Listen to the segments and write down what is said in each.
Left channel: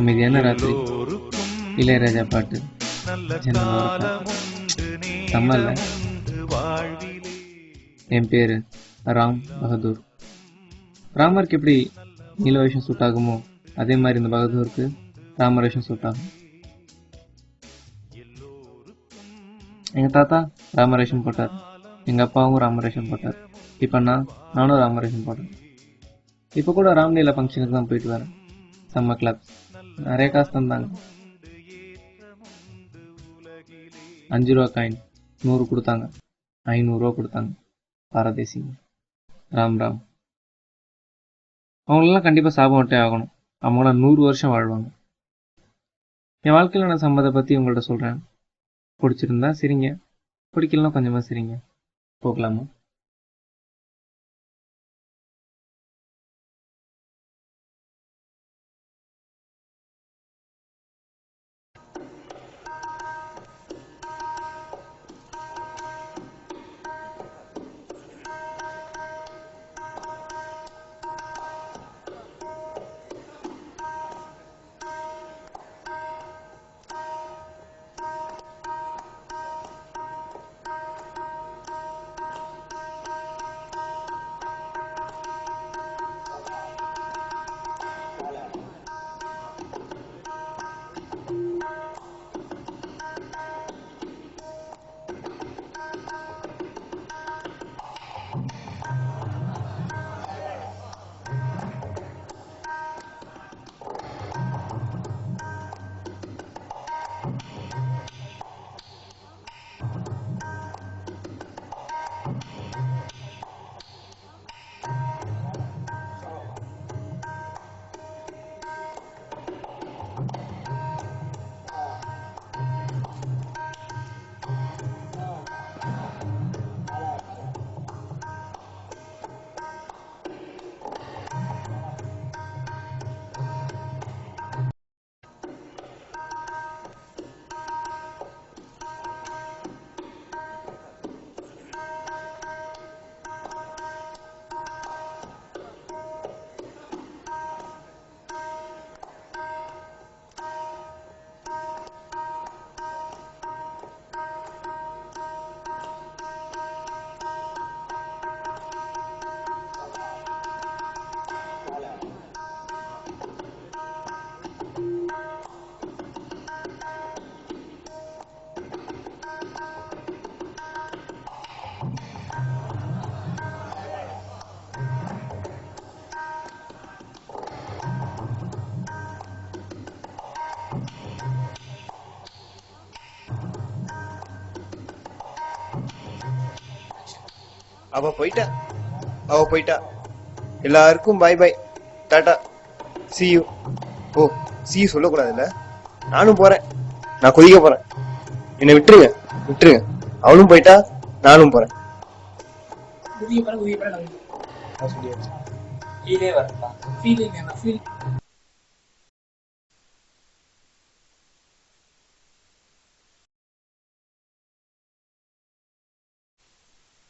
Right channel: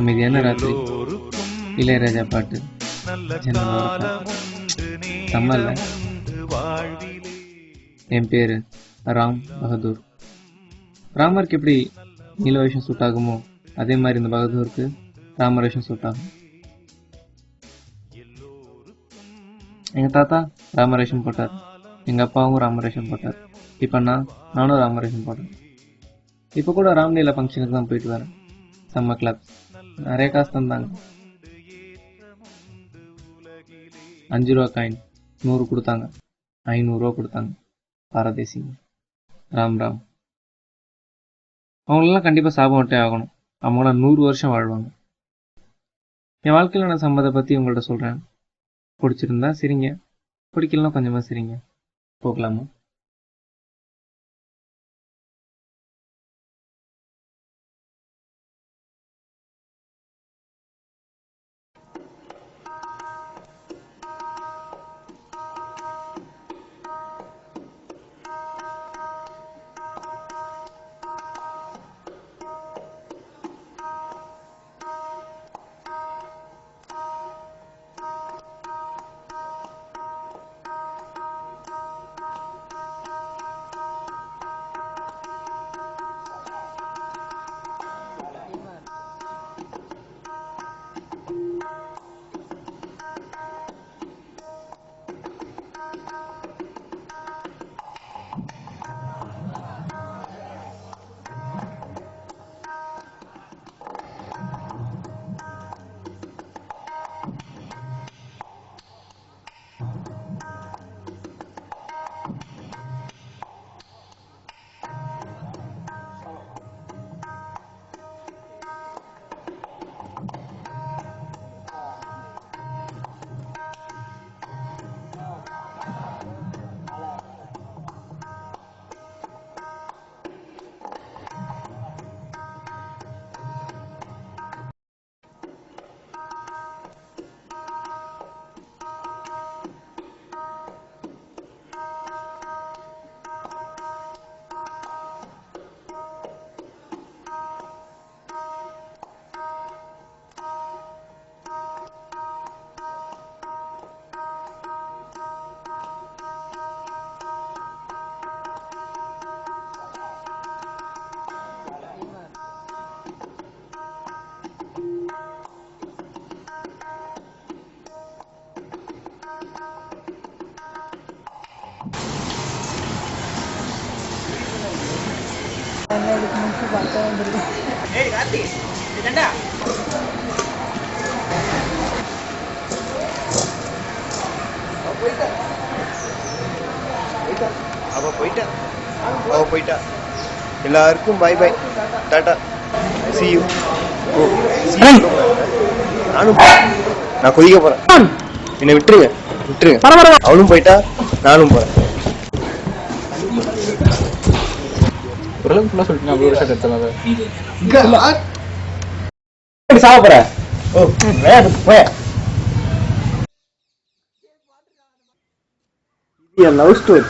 அமைதியான ராத்திரி, இளையராஜா பாட்டு, ஜன்னலோர காத்து. செம்மல்ல. என் பேரு ராம் பகதூர். ராமருக்கு எப்படி நீலவேஷம் சூட் ஆகுமோ அதே மாதிரி இந்த பகதூருக்கு ராமவேஷம் சூட் ஆகும். எங்க தாத்தா ராமரேஷன் போட்டார், எங்க அப்பாவும் ராமரேஷன் போட்டார். இப்ப நானும் ராமரேஷன் போட்டேன். இப்ப கூட ராம்லீலா ஃபங்க்ஷனுக்கு தான் போயிட்டு வரேன். செம்ம கிளப், நிறைய காசு தந்தாங்க. 5 ரூபா காயின் 100 கொடுத்தாங்க, 500 ரூபா கொடுத்தாங்க. பாரதேசிங்க. ராம் ராம். அவங்களெல்லாம் கண்டிப்பா சாபம் விட்டே ஆகணும். அவங்களாம் 100 வருஷம் வாழ்வாங்க. என் வாழ்க்கையில நான் சம்மதை பத்தி உங்கள்ட்ட சொல்றேன். பிடிச்சிருந்தா சிரிங்க, பிடிக்கலாம் கொஞ்சமா சிரிங்க. போகலாமா? அவ போயிட்டா. எல்லாருக்கும் பை பை, டாடா, see you. ஓ see you சொல்லக்கூடாதுல்ல. நானும் போறேன், நான் கொதிக்க போறேன். என்னை விட்டுருங்க. அவளும் போயிட்டா, நானும் போறேன். லவ் ஸ்டோரி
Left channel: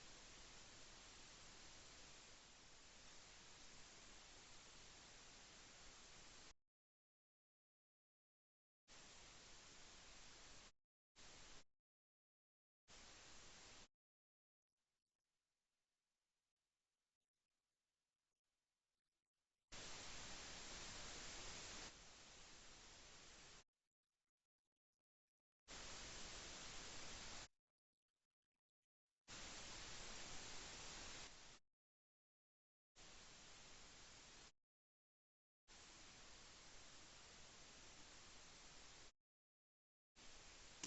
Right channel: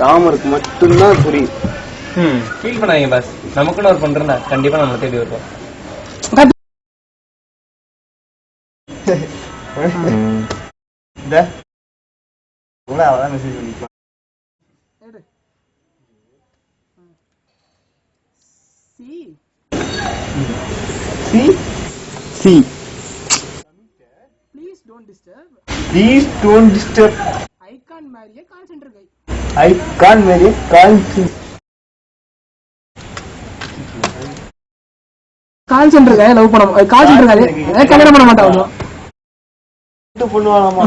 ராமருக்கு மட்டும்தான் புரியும். ஃபீல் பண்ணாதீங்க பாஸ், நமக்குன்னு ஒரு பண்றேன்னா கண்டிப்பா நம்ம தேடி வருவோம். அவதான் மெசேஜ் பண்ணிக்கலாம். Please don't disturb. I can't marry a call center guy. Call centre guy love பண்ண கால் சென்டர் guy கல்யாணம் பண்ண மாட்டாங்க. இது பண்ணுவானாமா?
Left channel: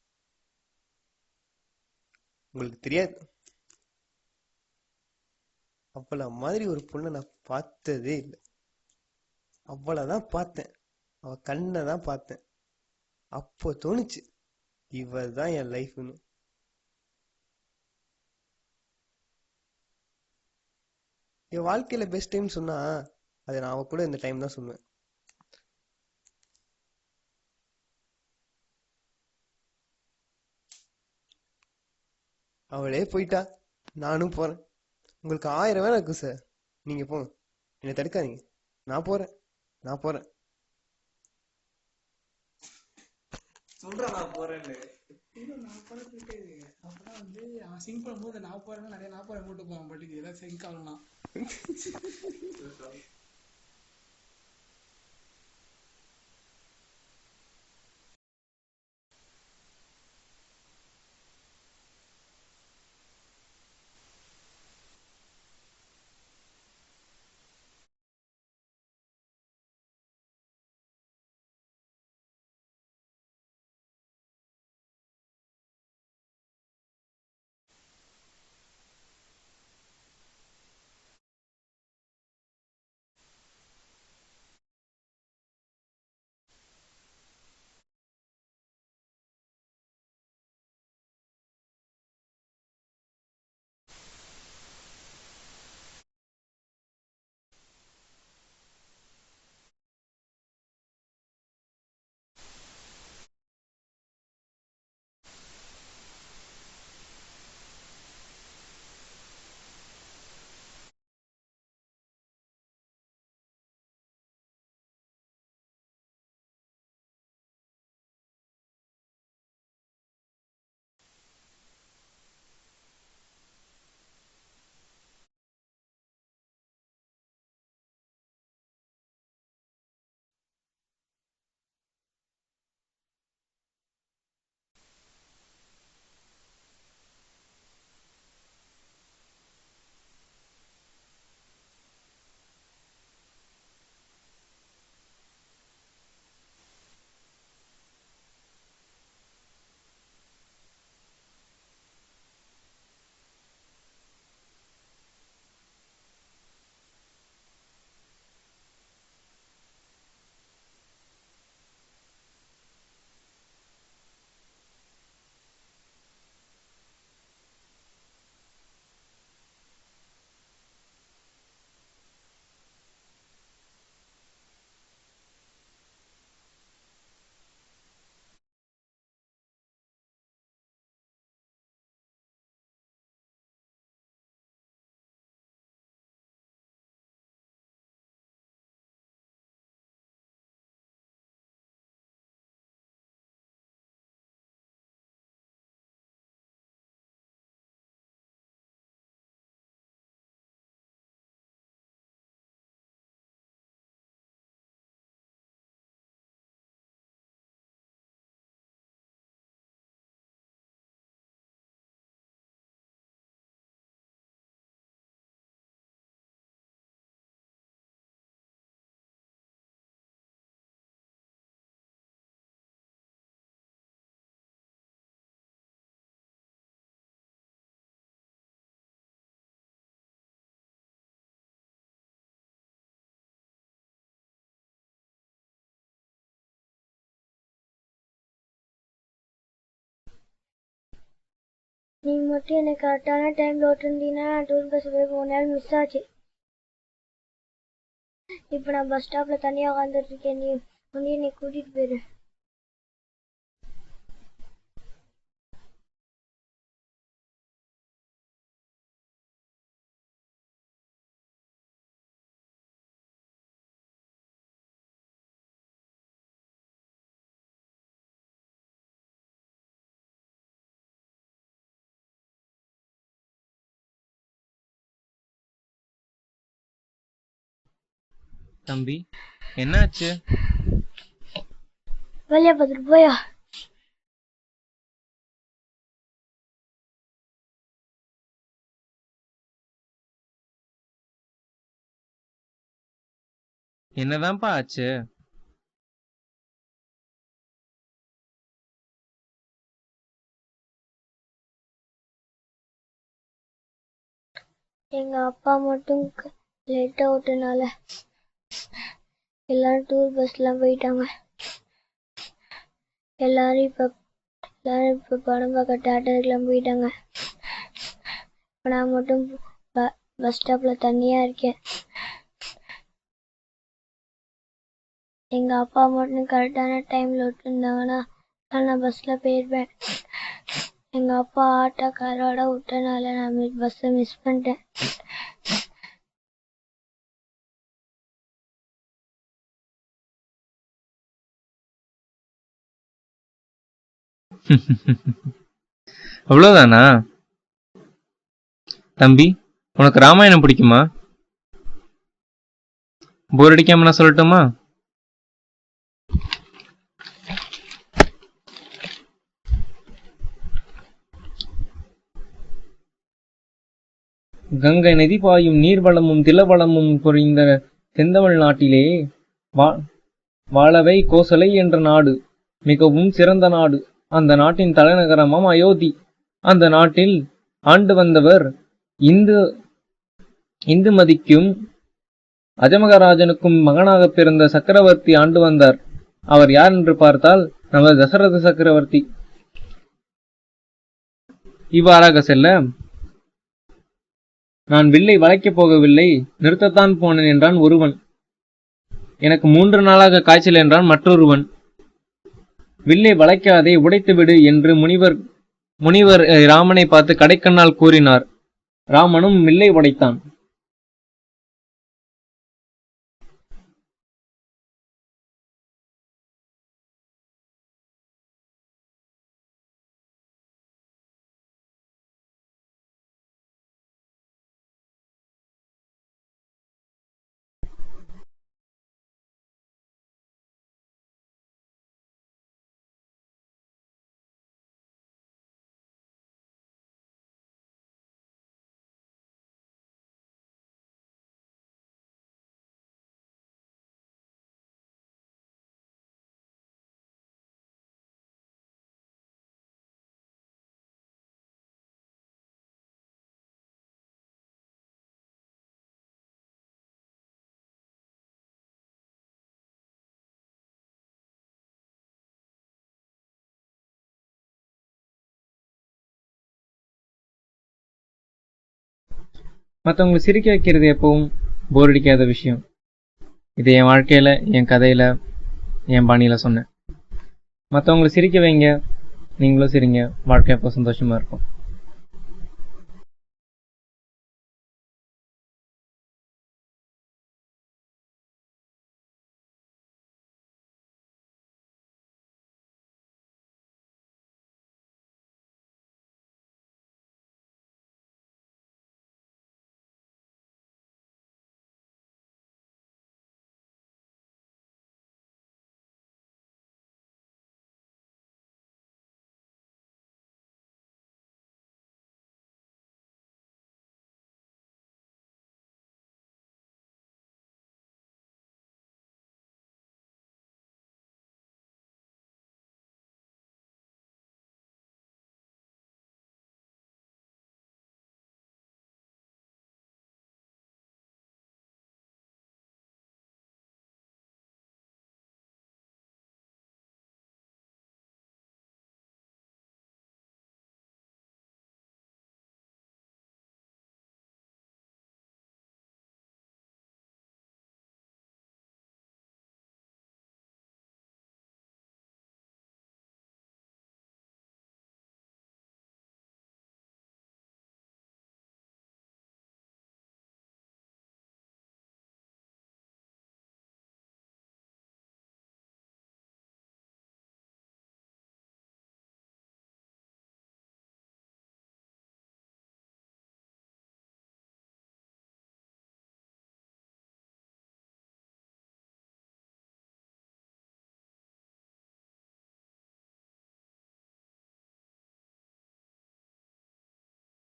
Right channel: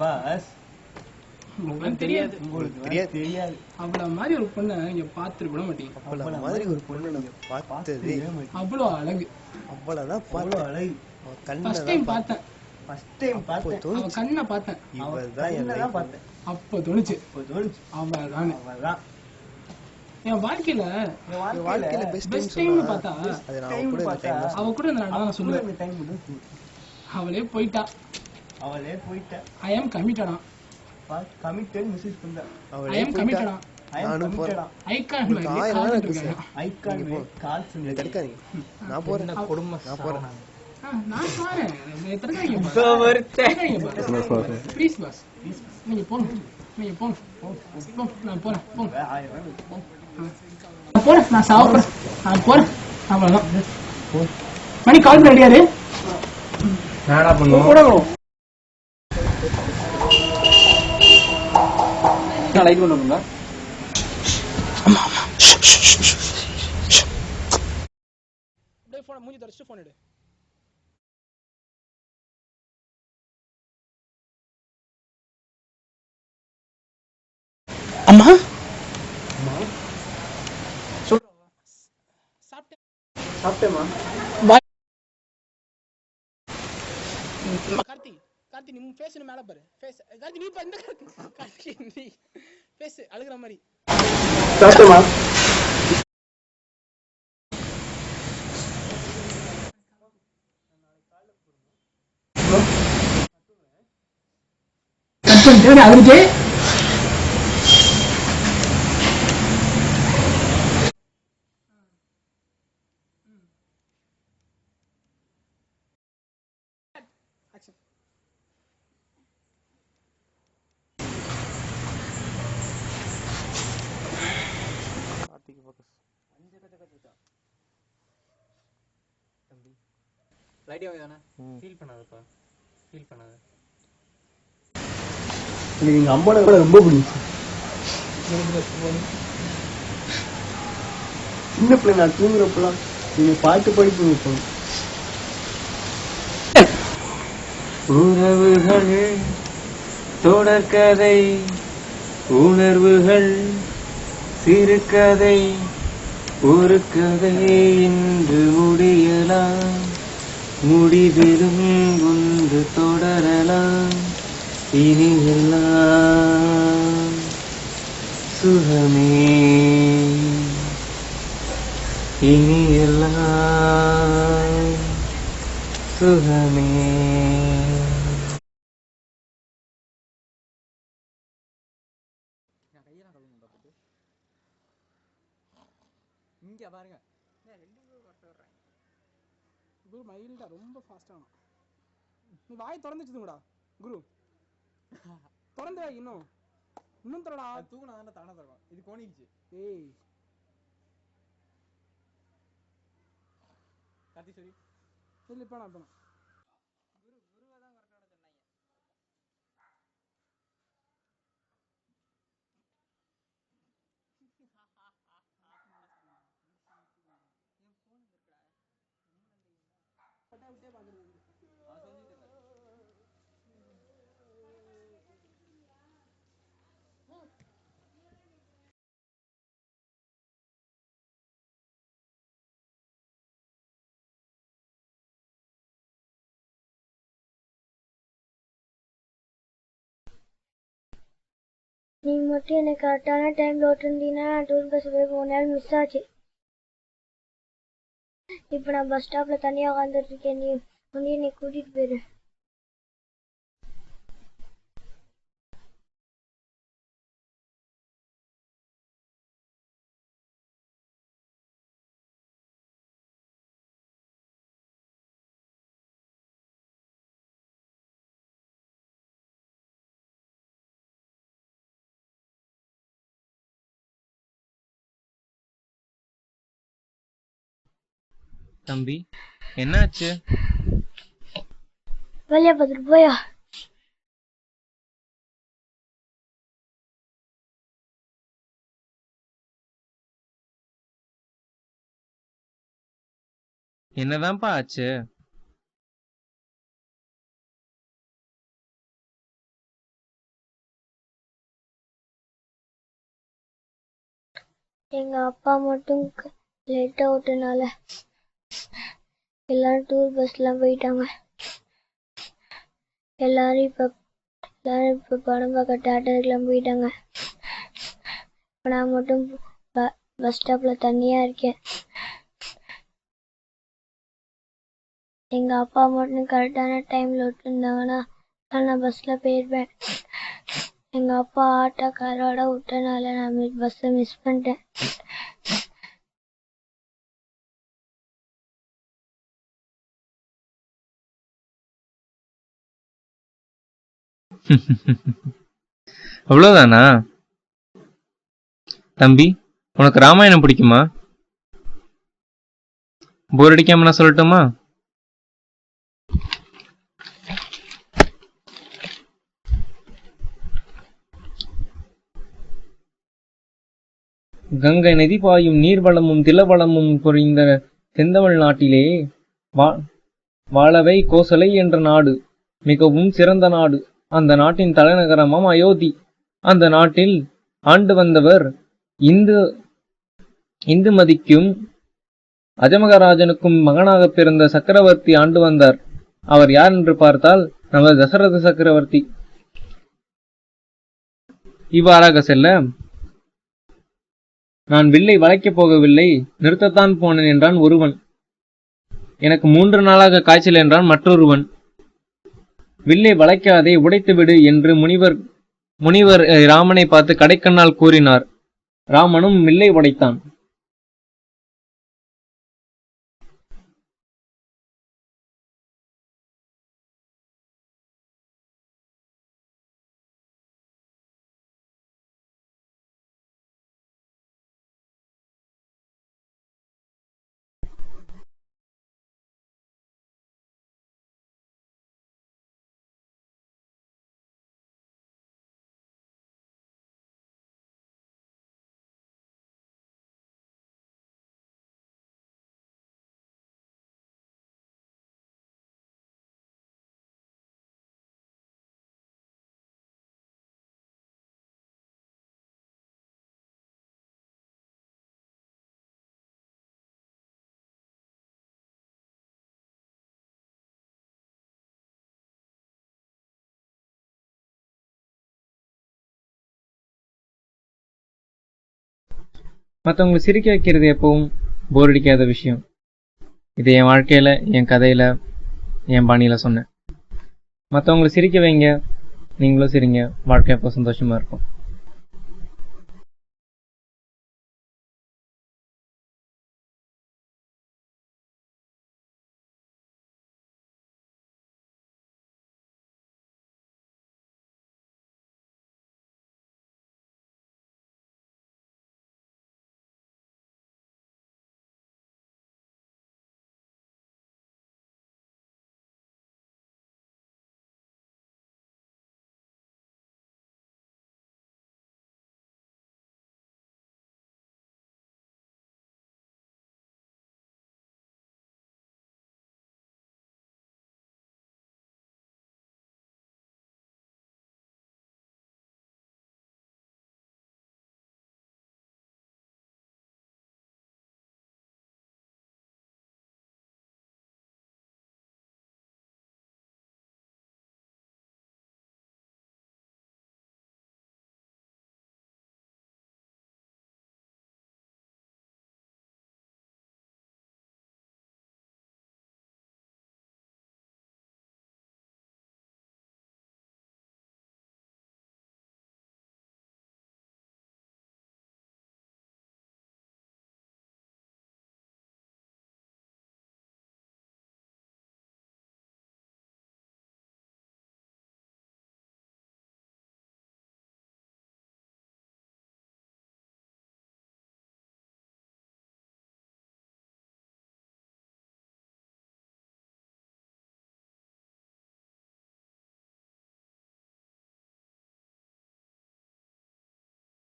பாஸ் உங்களுக்கு தெரியாது. அவ்வளவு மாதிரி ஒரு பொண்ணை நீங்க பார்த்துட்டு கூட மாட்டீங்க. அவ்வளவு மாதிரி ஒரு பொண்ணை நான் பார்த்ததே. அவ்வளவு அழகு. அவ்வளவுதான் பார்த்தேன். அவ கண்ணதான் பார்த்தேன். அப்போ தோணுச்சு, கண்ணை பார்த்தேன், இவதான் என் லைஃப். அப்போ தோணுச்சு அவதான் என் வாழ்க்கையில பெஸ்ட் டைம் சொன்னா அது நான் அவ கூட இந்த டைம் தான். அவ கூட இந்த நான் சொல்லுவேன். அவளே போயிட்டா. ஐ அம் கமிட்டடா. அவளே போயிட்டா. நானும் போறேன். உங்களுக்கு 1000 வேலை இருக்கு சார். நீங்க போங்க, என்னை தடுக்காதீங்க. நான் போறேன். நான் போறேன். மணி கால் ரெடியாரு லைட் பண்ணுங்க. மூஞ்சி தொடச்சு போன் எடு. அம்மா சாப்பிட்டேமா. கார்த்தி கார்த்தி நீ ஃபேஸ் மேல பாரு. ஃபேஸ் கார்த்தி நீ இந்த கார்த்தி நீ ஃபேஸ் அழுகுற மாதிரி. சாப்பிட்டேமா. கட் பண்ணிட்டு அதுக்கு அம்மாவோட கூட ரொம்ப பிடிக்கும். சின்ன பிள்ளை நான் தூங்குறப்பெல்லாம் நீங்க பாட்டு பாடி தூங்கிப்போம். உறவுகள் தொடர்கதை, உணர்வுகள் சிறுகதை, ஒரு கதை இன்று முடியலாம், முடிவிலும் ஒன்று தொடரலாம், இனி எல்லாம் சுகமே, இனி எல்லாம் சுகமே. இங்க பாருங்க குரு மைல்டா ரொம்ப ஃபாஸ்டான. நீ வாய் திறந்து வச்சுதுங்கடா குரு. திறந்து வை. இன்னும் திறடா. தூக்குனா தானே தானே திறக்கும். இது கோணிச்சு. ஏய் கார்த்தி சரி இல்ல இப்ப நான் குரு குருவா தான் கரெக்டான சொன்னாங்க. நீங்க மட்டும் எனக்கு கரெக்டான டைம்ல விட்டுருந்தீங்கன்னா நான் டூர் பஸ் போய் 3 நாள் மிஸ் ஆச்சு. இப்போ நான் பஸ் ஸ்டாப்ல தனியா உட்காந்துட்டு இருக்கேன். நீ வந்து என்னை கூட்டிட்டு போயிரு. தம்பி என்னாச்சு? வேலையா பார்த்துட்டு போயா. என்னதான்ப்பா ஆச்சு? எங்க அப்பா மட்டும் லேட்டா விட்டனால எல்லாரும் டூர் பஸ்லாம் போயிட்டாங்க. எல்லாரும் இப்ப படம் பார்க்க தியேட்டருக்குலாம் போயிட்டாங்க. இப்ப நான் மட்டும் பஸ் ஸ்டாப்ல தனியா இருக்கேன். எங்க அப்பா மட்டும் கரெக்டான டைம்ல விட்டுருந்தாங்கன்னா நான் பஸ்ல போயிருப்பேன். எங்க அப்பா ஆட்டோக்காரோட விட்டனால நான் பஸ்ஸை மிஸ் பண்ணிட்டேன். அவ்வளவுதானா? தம்பி, உனக்கு ராமாயணம் பிடிக்குமா? போர் அடிக்காம நான் சொல்லட்டுமா? கங்கை நதி பாயும் நீர்வளமும் திலவளமும் பொறிந்த செந்தமிழ் நாட்டிலே வாழவை கோசலை என்ற நாடு மிகவும் சிறந்த நாடு. அந்த நாட்டின் தலைநகரமாம் அயோத்தி. அந்த நாட்டில் ஆண்டு வந்தவர் இந்துமதிக்கும் அஜமகராஜனுக்கும் மகனாக பிறந்த சக்கரவர்த்தி ஆண்டு வந்தார். அவர் யார் என்று பார்த்தால் நமது தசரத சக்கரவர்த்தி. இவ்வாறாக செல்ல, நான் வில்லை வளைக்கப் போகவில்லை, நிறுத்தத்தான் போனேன் என்றான் ஒருவன். எனக்கு 3 நாளாக காய்ச்சல் என்றான் மற்றொருவன். வில்லை வளைக்காதே, உடைத்து விடு என்று முனிவர் ராமனை பார்த்து கடைக்கண்ணால் கூறினார். ராமனும் வில்லை உடைத்தான். மற்றவங்களை சிரிக்க வைக்கிறது எப்பவும் போர் அடிக்காத விஷயம். இது என் வாழ்க்கையில, என் கதையில, என் பாணியில சொன்னேன். மற்றவங்களை சிரிக்க வைங்க, நீங்களும் சிரிங்க. வாழ்க்கை அப்போ சந்தோஷமா இருக்கும்.